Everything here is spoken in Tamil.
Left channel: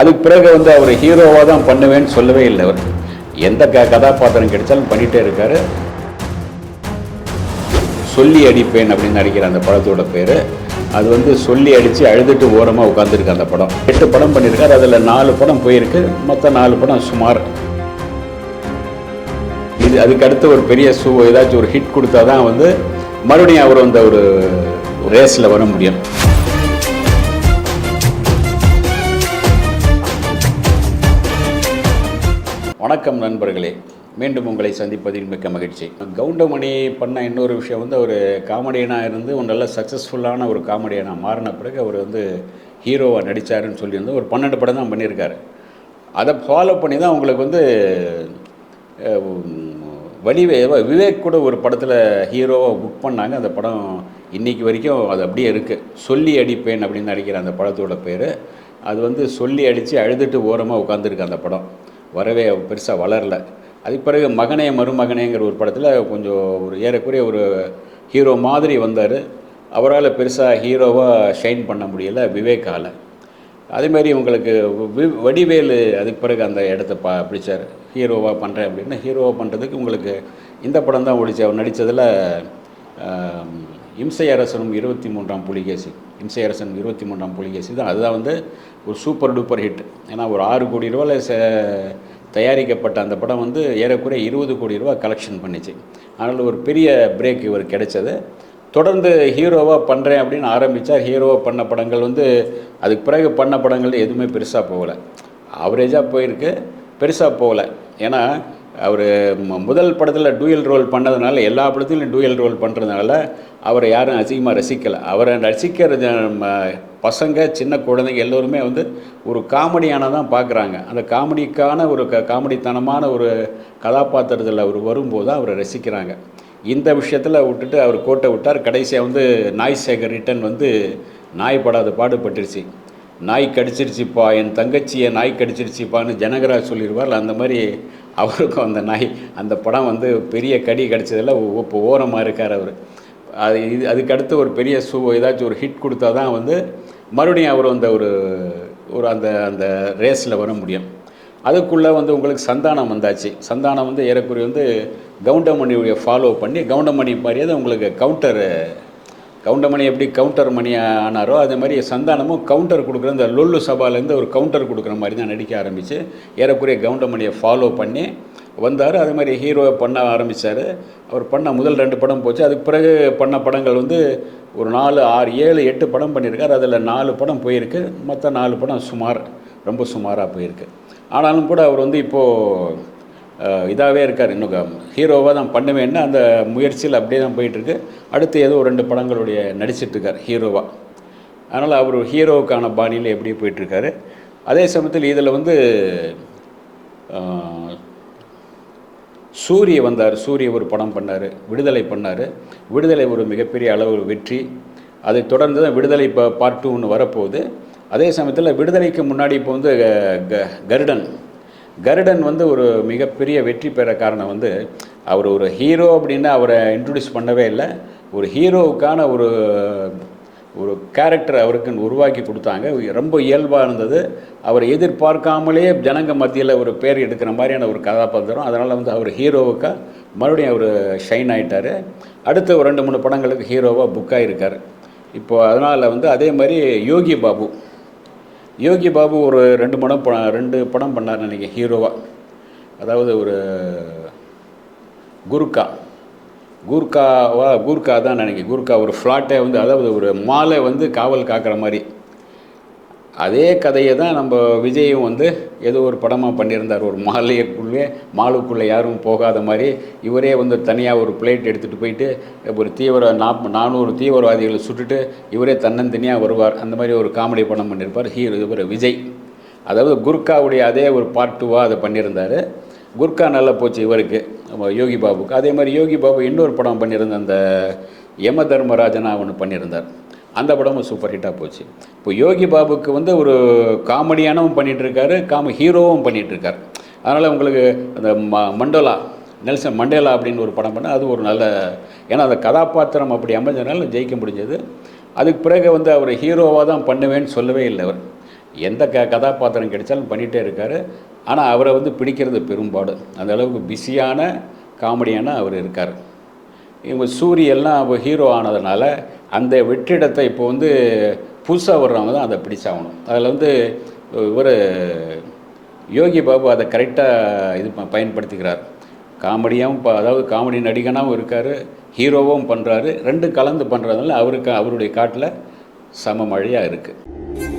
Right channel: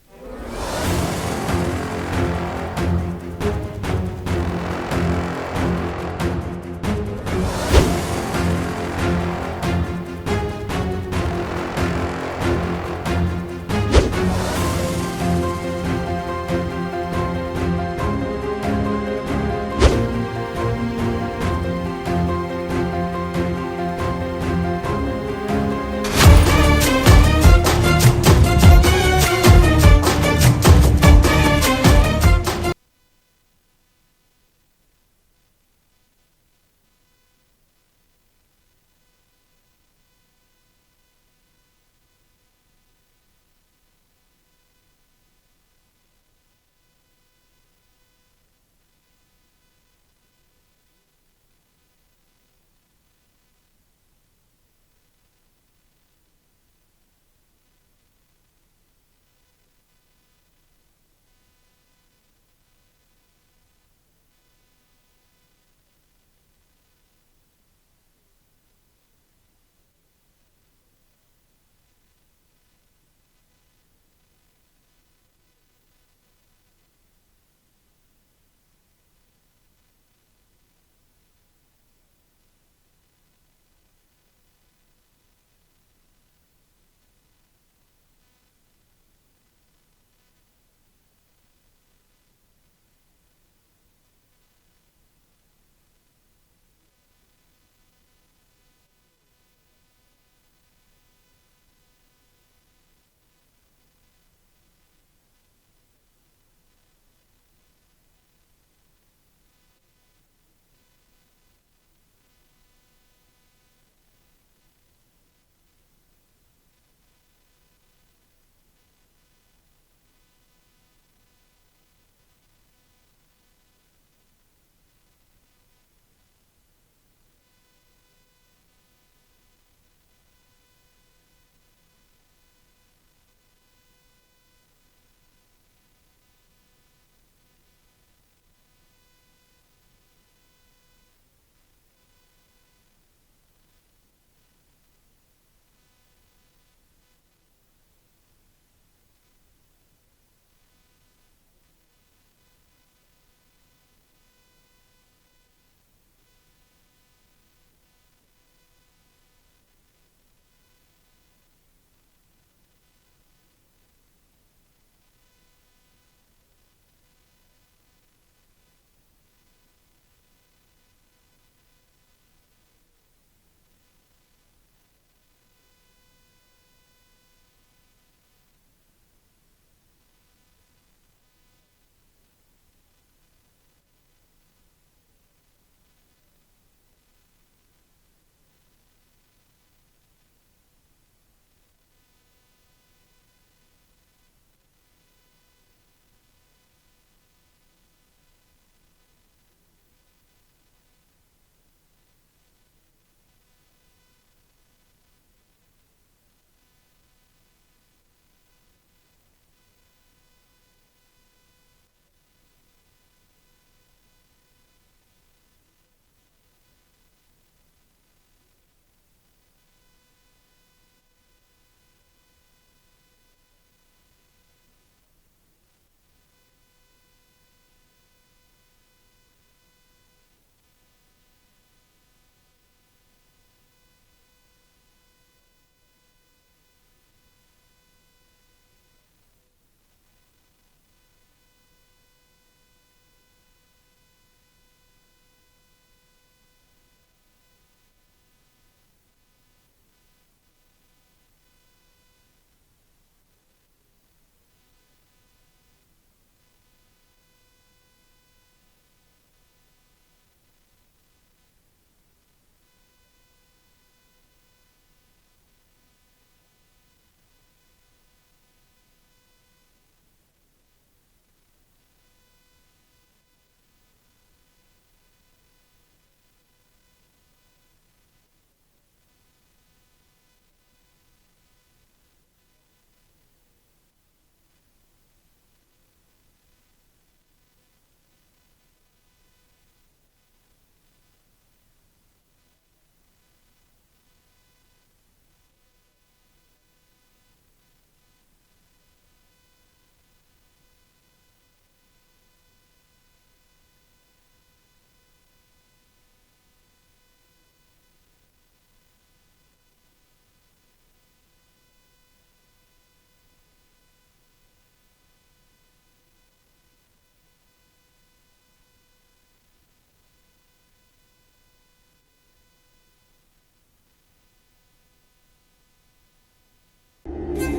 அதுக்கு பிறகு வந்து அவர் ஹீரோவாக தான் பண்ணுவேன்னு சொல்லவே இல்லை அவர். எந்த க கதாபாத்திரம் கிடைச்சாலும் பண்ணிகிட்டே இருக்கார். சொல்லி அடிப்பேன் அப்படின்னு நடிக்கிற அந்த படத்தோட பேர். அது வந்து சொல்லி அடித்து அழுதுட்டு ஓரமாக உட்காந்துருக்கு அந்த படம். எட்டு படம் பண்ணியிருக்காரு. அதில் நாலு படம் போயிருக்கு. மொத்த நாலு படம் சுமார். இது அதுக்கு அடுத்து ஒரு பெரிய சூ ஏதாச்சும் ஒரு ஹிட் கொடுத்தா தான் வந்து மறுபடியும் அவர் அந்த ஒரு ரேஸில் வர முடியும். வணக்கம் நண்பர்களே. மீண்டும் உங்களை சந்திப்பதில் மிக்க மகிழ்ச்சி. கவுண்டமணி பண்ண இன்னொரு விஷயம் வந்து ஒரு காமெடியனாக இருந்து ஒரு நல்ல சக்ஸஸ்ஃபுல்லான ஒரு காமெடியனாக மாறின பிறகு அவர் வந்து ஹீரோவாக நடித்தாருன்னு சொல்லியிருந்து ஒரு பன்னெண்டு படம் தான் பண்ணியிருக்காரு. அதை ஃபாலோ பண்ணி தான் உங்களுக்கு வந்து அஹ், வடிவே விவேக் கூட ஒரு படத்தில் ஹீரோவாக புக் பண்ணாங்க. அந்த படம் இன்னைக்கு வரைக்கும் அது அப்படியே இருக்குது சொல்லி அடிப்பேன் அப்படின்னு நடிக்கிற அந்த படத்தோட பேர். அது வந்து சொல்லி அடித்து அழுதுட்டு ஓரமாக உட்காந்துருக்கு அந்த படம். வரவே பெருசாக வளரல. அதுக்கு பிறகு மகனே மருமகனேங்கிற ஒரு படத்தில் கொஞ்சம் ஒரு ஏறக்குறைய ஒரு ஹீரோ மாதிரி வந்தார். அவரால் பெருசாக ஹீரோவாக ஷைன் பண்ண முடியல விவேக்கால். அதேமாதிரி உங்களுக்கு வி- வடிவேலு அதுக்கு பிறகு அந்த இடத்த பா பிடிச்சார். ஹீரோவாக பண்ணுறேன் அப்படின்னு ஹீரோவாக பண்ணுறதுக்கு உங்களுக்கு இந்த படம் தான் ஓடிச்சு. அவர் நடித்ததில் இம்சை அரசனும் இருபத்தி மூன்றாம் புலிகேசி. இம்சை அரசன் இருபத்தி மூன்றாம் புலிகேசி. தான் அதுதான் வந்து ஒரு சூப்பர் டூப்பர் ஹிட். ஏன்னா ஒரு ஆறு கோடி ரூபாயில் ச தயாரிக்கப்பட்ட அந்த படம் வந்து ஏறக்குறைய இருபது கோடி ரூபா கலெக்ஷன் பண்ணிச்சு. அதனால் ஒரு பெரிய பிரேக் இவர் கிடைச்சது. தொடர்ந்து ஹீரோவாக பண்ணுறேன் அப்படின்னு ஆரம்பித்தார் ஹீரோவாக பண்ண படங்கள் வந்து அதுக்கு பிறகு பண்ண படங்கள் எதுவுமே பெருசாக போகலை. ஆவரேஜாக போயிருக்கு. பெருசாக போகலை. ஏன்னா அவர் முதல் படத்தில் டூயல் ரோல் பண்ணதுனால எல்லா படத்துலையும் டூயல் ரோல் பண்ணுறதுனால அவரை யாரும் அதிகமாக ரசிக்கலை. அவரை ரசிக்கிற பசங்க சின்ன குழந்தைங்க எல்லோருமே வந்து ஒரு காமெடியான தான் பார்க்குறாங்க அந்த காமெடிக்கான ஒரு க காமெடித்தனமான ஒரு கதாபாத்திரத்தில் அவர் வரும்போது தான் அவரை ரசிக்கிறாங்க. இந்த விஷயத்தில் விட்டுட்டு அவர் கோட்டை விட்டார். கடைசியாக வந்து நாய் சேகர் ரிட்டன் வந்து நாய் படாத பாடுபட்டுருச்சு நாய் கடிச்சிருச்சுப்பா என் தங்கச்சியை நாய் கடிச்சிருச்சுப்பான்னு ஜனகராஜ் சொல்லிடுவார் அந்த மாதிரி அவருக்கும் அந்த நாய் அந்த படம் வந்து பெரிய கடி கிடச்சதில் இப்போ ஓரமாக இருக்கார் அவர். அது இது அதுக்கு அடுத்து ஒரு பெரிய சூ ஏதாச்சும் ஒரு ஹிட் கொடுத்தா தான் வந்து மறுபடியும் அவர் அந்த ஒரு ஒரு அந்த அந்த ரேஸில் வர முடியும். அதுக்குள்ளே வந்து உங்களுக்கு சந்தானம் வந்தாச்சு. சந்தானம் வந்து ஏறக்குறைய வந்து கவுண்டமணியுடைய ஃபாலோ பண்ணி கவுண்டமணி மாதிரியே தான் உங்களுக்கு கவுண்டர் கவுண்டமணி எப்படி கவுண்டர் மணி ஆனாரோ அதே மாதிரி சந்தானமும் கவுண்டர் கொடுக்குற இந்த லொல்லு சபாலேருந்து ஒரு கவுண்டர் கொடுக்குற மாதிரி தான் நடிக்க ஆரம்பித்து ஏறக்குறைய கவுண்டமணியை ஃபாலோ பண்ணி வந்தார். அதே மாதிரி ஹீரோ பண்ண ஆரம்பித்தார் அவர் பண்ண முதல் ரெண்டு படம் போச்சு. அதுக்கு பிறகு பண்ண படங்கள் வந்து ஒரு நாலு ஆறு ஏழு எட்டு படம் பண்ணியிருக்கார். அதில் நாலு படம் போயிருக்கு. மற்ற நாலு படம் சுமார் ரொம்ப சுமாராக போயிருக்கு. ஆனாலும் கூட அவர் வந்து இப்போது இதாகவே இருக்கார் இன்னும். ஹீரோவாக தான் பண்ணுவேன்னு அந்த முயற்சியில் அப்படியே தான் போயிட்டுருக்கு. அடுத்து ஏதோ ஒரு ரெண்டு படங்களுடைய நடிச்சிட்ருக்கார் ஹீரோவாக அதனால் அவர் ஹீரோவுக்கான பாணியில் எப்படியே போயிட்டுருக்காரு. அதே சமயத்தில் இதில் வந்து சூரிய வந்தார். சூரிய ஒரு படம் பண்ணார் விடுதலை பண்ணார். விடுதலை ஒரு மிகப்பெரிய அளவு வெற்றி. அதை தொடர்ந்து தான் விடுதலை இப்போ பார்ட் டூ ஒன்று வரப்போகுது. அதே சமயத்தில் விடுதலைக்கு முன்னாடி இப்போ வந்து க- க- கருடன் கருடன் வந்து ஒரு மிகப்பெரிய வெற்றி பெற காரணம் வந்து அவர் ஒரு ஹீரோ அப்படின்னு அவரை இன்ட்ரடியூஸ் பண்ணவே இல்லை. ஒரு ஹீரோவுக்கான ஒரு ஒரு கேரக்டர் அவருக்கு உருவாக்கி கொடுத்தாங்க. ரொம்ப இயல்பாக இருந்தது. அவர் எதிர்பார்க்காமலே ஜனங்க மத்தியில் ஒரு பேர் எடுக்கிற மாதிரியான ஒரு கதாபாத்திரம். அதனால் வந்து அவர் ஹீரோவுக்காக மறுபடியும் அவர் ஷைன் ஆகிட்டார் அடுத்து ஒரு ரெண்டு மூணு படங்களுக்கு ஹீரோவாக புக் ஆகிருக்கார் இப்போது அதனால் வந்து அதே மாதிரி யோகி பாபு. யோகி பாபு ஒரு ரெண்டு படம் ப- ரெண்டு படம் பண்ணார் நினைக்கிறேன் ஹீரோவாக அதாவது ஒரு குருக்கா கூர்க்காவா கூர்க்கா தான் நினைக்கிறேன். கூர்க்கா ஒரு ஃப்ளாட்டை வந்து அதாவது ஒரு மாலை வந்து காவல் காக்கிற மாதிரி. அதே கதையை தான் நம்ம விஜயும் வந்து ஏதோ ஒரு படமாக பண்ணியிருந்தார். ஒரு மாலைக்குள்ளே மாலுக்குள்ளே யாரும் போகாத மாதிரி இவரே வந்து தனியாக ஒரு பிளேட் எடுத்துகிட்டு போயிட்டு ஒரு தீவிர நாப் நானூறு தீவிரவாதிகளை சுட்டுட்டு இவரே தன்னந்தனியாக வருவார். அந்த மாதிரி ஒரு காமெடி படம் பண்ணியிருப்பார். ஹீரோ இவர் விஜய் அதாவது குர்காவுடைய அதே ஒரு பார்ட் டூவாக அதை பண்ணியிருந்தார். குர்கா நல்லா போச்சு இவருக்கு நம்ம யோகி பாபுக்கு. அதே மாதிரி யோகி பாபு இன்னொரு படம் பண்ணியிருந்த அந்த யம தர்மராஜனா ஒன்று பண்ணியிருந்தார். அந்த படமும் சூப்பர் ஹிட்டாக போச்சு. இப்போ யோகி பாபுக்கு வந்து ஒரு காமெடியானவும் பண்ணிகிட்ருக்காரு காம ஹீரோவும் பண்ணிட்டு அதனால் உங்களுக்கு அந்த ம மண்டோலா நெல்சன் மண்டேலா அப்படின்னு ஒரு படம் பண்ணால் அது ஒரு நல்ல ஏன்னா அந்த கதாபாத்திரம் அப்படி அமைஞ்சதுனால ஜெயிக்க முடிஞ்சது. அதுக்கு பிறகு வந்து அவர் ஹீரோவாக தான் பண்ணுவேன்னு சொல்லவே இல்லை அவர். எந்த க கதாபாத்திரம் கிடைச்சாலும் பண்ணிகிட்டே இருக்கார். ஆனால் அவரை வந்து பிடிக்கிறது பெரும்பாடு. அந்த அளவுக்கு பிஸியான காமெடியான அவர் இருக்கார். இவங்க சூரியெல்லாம் ஹீரோ ஆனதுனால அந்த வெற்றிடத்தை இப்போ வந்து புதுசாக வர்றவங்க தான் அதை பிடிச்சாகணும் அதில் வந்து இவர் யோகி பாபு அதை கரெக்டாக இது ப- பயன்படுத்திக்கிறார். காமெடியாகவும் அதாவது காமெடி நடிகனாகவும் இருக்கார் ஹீரோவும் பண்ணுறாரு ரெண்டும் கலந்து பண்ணுறதுனால அவருக்கு அவருடைய காட்டில் சம மழையாக இருக்குது